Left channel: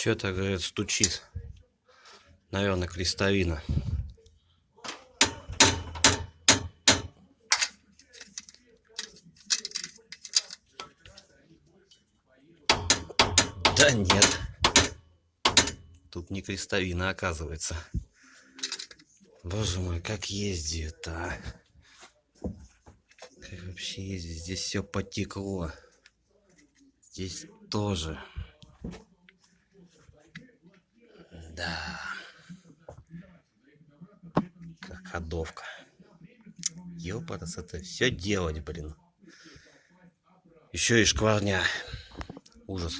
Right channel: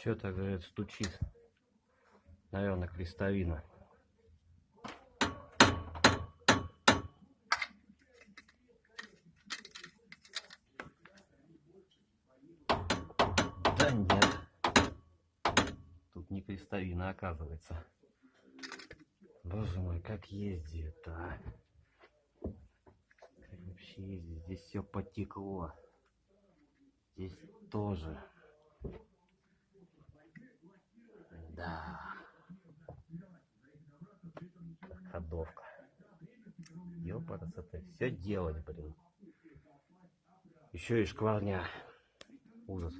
Что-то, говорит, стучит. Наверное, крестовина. Да нет. Тут не крестовина, оказывается. Боже мой, как ездит-то, а? Как вообще ездить? Здесь все потекло. Здесь тоже. Да. Как ходовка. Ёпарас, это все делать, блин. Еще и шкварня. Ужас.